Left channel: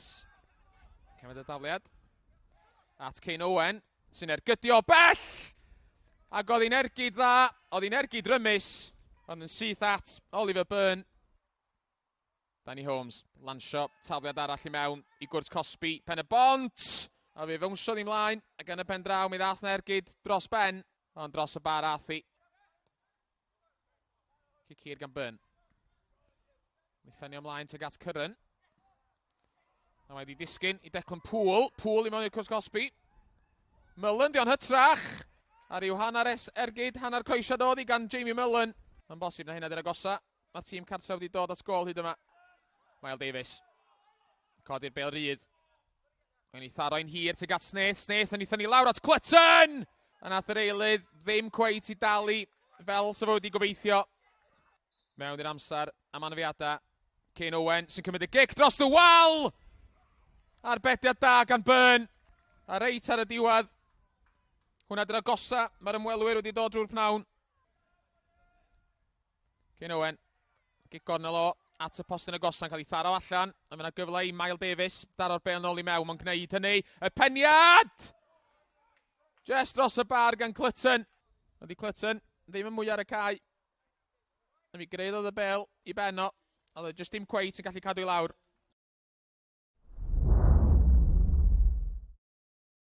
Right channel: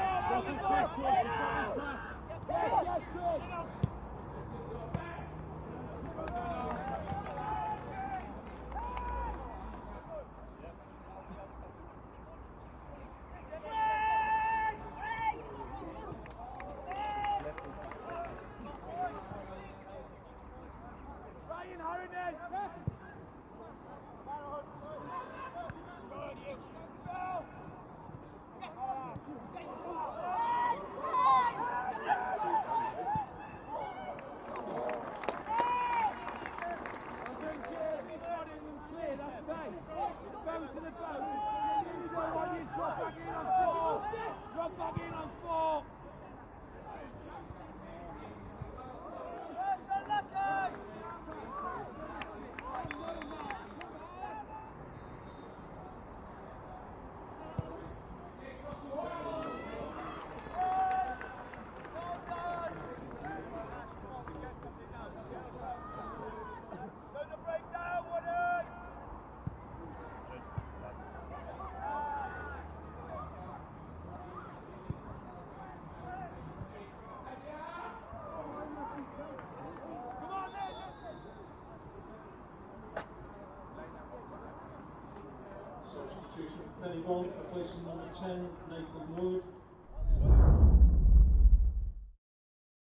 Davies. Daliad. At Cei Connah, sy'n ergydio bell. Ac oedd hi'n ergyd dda, oedd hi'n ergyd rymus, ond yn syth at Oliver Byrne. Danny Holmes, lansio, tafliad arall i mewn i gwrs Cosby, Pen-y-bont. A fe fewnsiodd hi'n mlaen, ac yn y pen draw mi ddath yn ergyd dros Ben, ond dros y bar athi. Cyn hir gan Byrne. Ffenio ymlaen tuag at Cyrren. Oedd hi disgyn i Declan Poole i mewn i'r cwrs Cosby. Mullen, di'n hytrach. A ryw hanner ergyd, hanner coesiad oedd i gan Jamie Mullen. Yn bosib na hynna dy'r agosa. Mae'r tîm cartref wedi dod at gol hyd yma. Miles Davies. Codi'r bel rydd. Yn ei tharo'n hir tuag at Snaith. Snaith yn ei thynnu lawr at Clutton! A nath yr eilydd ddim cweit i dalu fel sef wedi gobeithio. Mewn i'r amser am anafiadau. Cei Connah sy'n cymryd y gic dros y wal! Arbediad da gan Byrne. A reit ar y diwedd. Hwna dy'r agosa, mae'r ymwelwyr wedi dod drwy'r pnawn. Cei Connah, gic gornel o, at y postyn agosa yn cael ei tharo allan. A mae yna gyfle i Miles Davies, daro'r bel nôl i mewn, mae'n gwneud hynny. Y peniad! Just dros y bar gan Clutton. Ydy Clutton ddim yn mwy ar y cae. A mi greiddodd y bel i Benno, oedd e jyst dim cweit yn gallu cadw i lawr.